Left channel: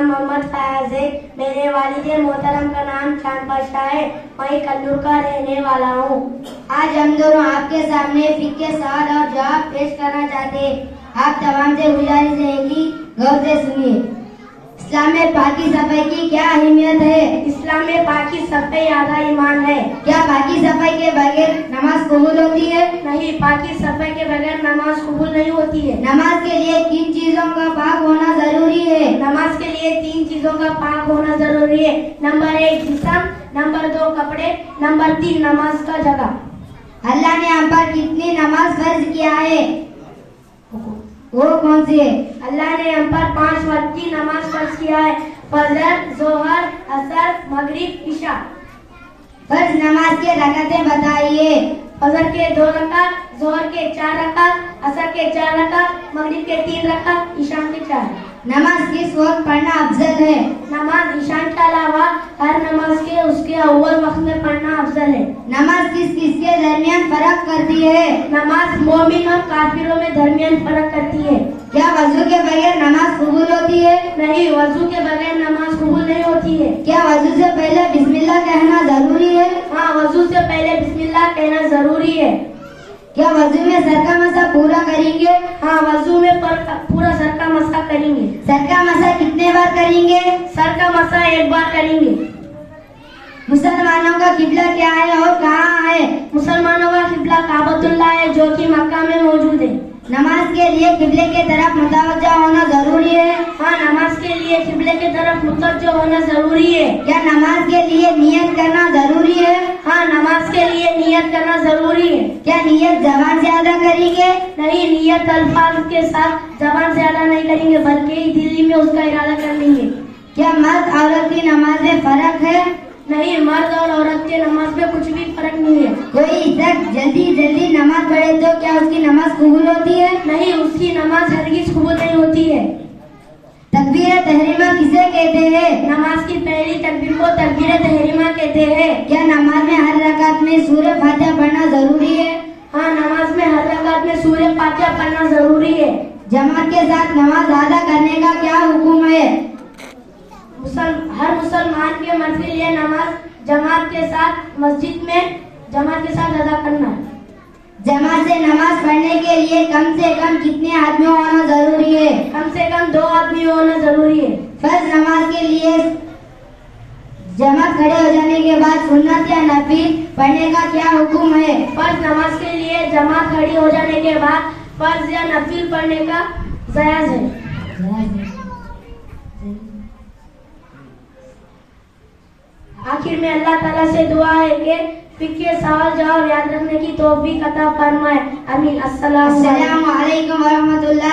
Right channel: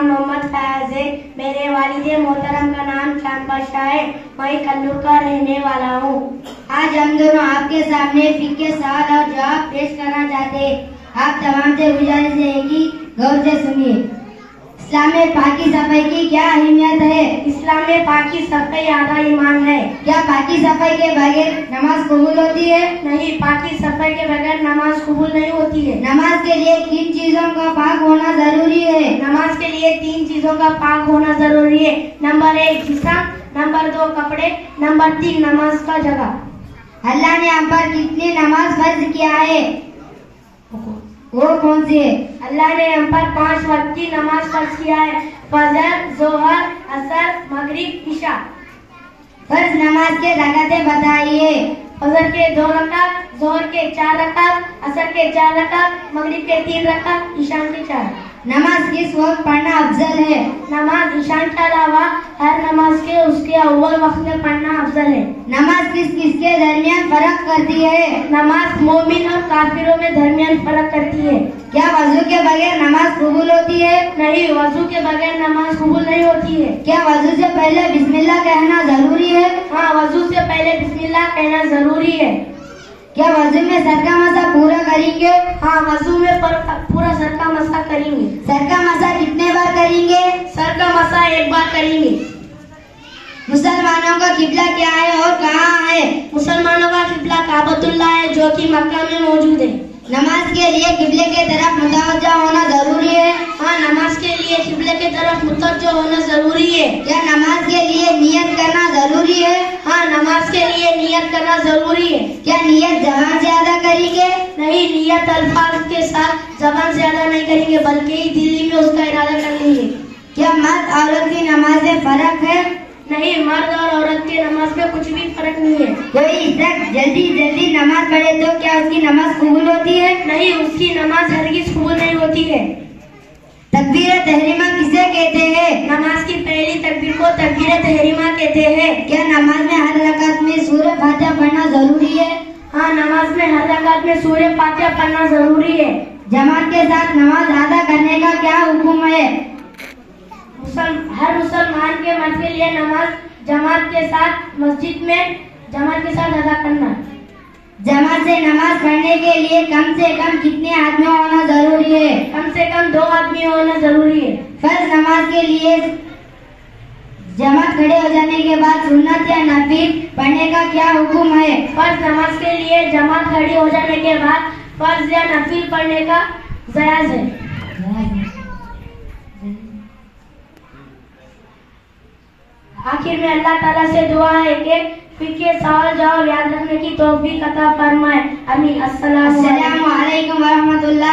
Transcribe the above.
नाम मोहम्मद फयाज है। मेरे वालिद मोहतरम का नाम चांद बादशाह है। मैं कल्लूर का रहने वाला हूँ। आज हम दोनों आपके सामने फिक्र के सवाल और जवाब पेश करना चाहते हैं। आप तमाम से गुजारिश है कि गौर से सुनिए। इस्लाम में पाकी सफाई की क्या अहमियत है? इस्लाम में पाकी सफाई आधा ईमान है। क्या पाकी सफाई के बगैर नमाज कबूल होती है? नहीं, पाकी सफाई के बगैर नमाज कबूल नहीं होती है। नमाज के लिए किन चीजों का पाक होना जरूरी है? नमाज के लिए 3 चीजों का पाक होना जरूरी है। नंबर 1 जिस्म, नंबर 2 कपड़े, नंबर 3 नमाज का जगह। अल्लाह ने हम पर कितनी नमाज फर्ज किया है? वो कौन सी है? अल्लाह ने हम पर 5 वक्त की नमाज फर्ज किया है। फजर, जोहर, असर, मगरिब, इशा। फर्ज नमाज के रकातें बताइए। फजर के 2 रकात, जोहर के 4 रकात, असर के 4 रकात, मगरिब के 3 रकात, ईशान के 4। नमाज किस वक्त पढ़ना अफजल है? नमाज ईशान के अलावा हर नमाज के उसके अव्वल वक्त में पढ़ना अफजल है। नमाज किस के दरमियान फर्क करती है? नमाज मोमिन और काफिरों में दरमियान फर्क करती है। क्या वजू के बगैर नमाज कबूल होती है? नहीं, वजू के बगैर नमाज कबूल नहीं होती है। क्या वजू से पहले बिस्मिल्लाह कहना जरूरी है? हाँ, वजू से पहले बिस्मिल्लाह कहना जरूरी है। क्या वजू में सर का मसा पूरा करेंगे? हाँ, वजू में पूरा सर का मसा करेंगे। सर का मसा कितने बार करेंगे? सर का मसा 1 बार करेंगे। मुसलमानों का किबला क्या है और कहाँ है? मुसलमानों का किबला काबतुल्लाह है जो कि मक्का में मौजूद है। नमाज के लिए किबले की तरफ मुतवज्जो होना जरूरी है? हाँ, नमाज के लिए किबले की तरफ मुतवज्जो होना जरूरी है। क्या नमाज के लिए नियत करना जरूरी है? हाँ, नमाज के लिए नियत करना जरूरी है। क्या नियत जबान से अदा करेंगे? नहीं, नियत अल्फाज के साथ जबान से अदा नहीं करेंगे बल्कि दिल्ली में उसका इरादा कर लेंगे। क्या मर्द औरत की नमाज में फर्क है? नहीं, मर्द और औरत के नमाज में कुछ भी फर्क नहीं है। कोई शख्स जल्दी नमाज पढ़े तो क्या उसकी नमाज कबूल होती है? नहीं, उसकी नमाज हरगिज कबूल नहीं होती है। तकबीर तहरीमा किसे कहते हैं? नमाज की पहली तकबीर को तकबीर तहरीमा कहते हैं। क्या नमाज में हर रकात में सूरह फातिहा पढ़ना जरूरी है? हाँ, नमाज में हर रकात में सूरह फातिहा पढ़ना जरूरी है। जमात के साथ नमाज अदा करने का क्या हुक्म है? हर मुसलमान के मर्द के लिए नमाज जमात के साथ मस्जिद में जमात के साथ अदा करना। जमात से नमाज पढ़ने के लिए कम से कम कितने आदमी होना जरूरी है? कम से कम 2 आदमी होना जरूरी है। फर्ज नमाज के लिए जमात खड़े हो जाने के बाद सुन्नत या नफिल पढ़ने का क्या हुक्म है? फर्ज नमाज के लिए जमात खड़ी हो जाने के बाद फर्ज या नफिल पढ़ने का जायज है। आखिर में अल्लाह ताला से दुआ है कि फिक्र सवाल जवाब याद रखने की तौफीक अता फरमाए। आमीन। अस्सलामु अलैकुम व रहमतुल्लाह।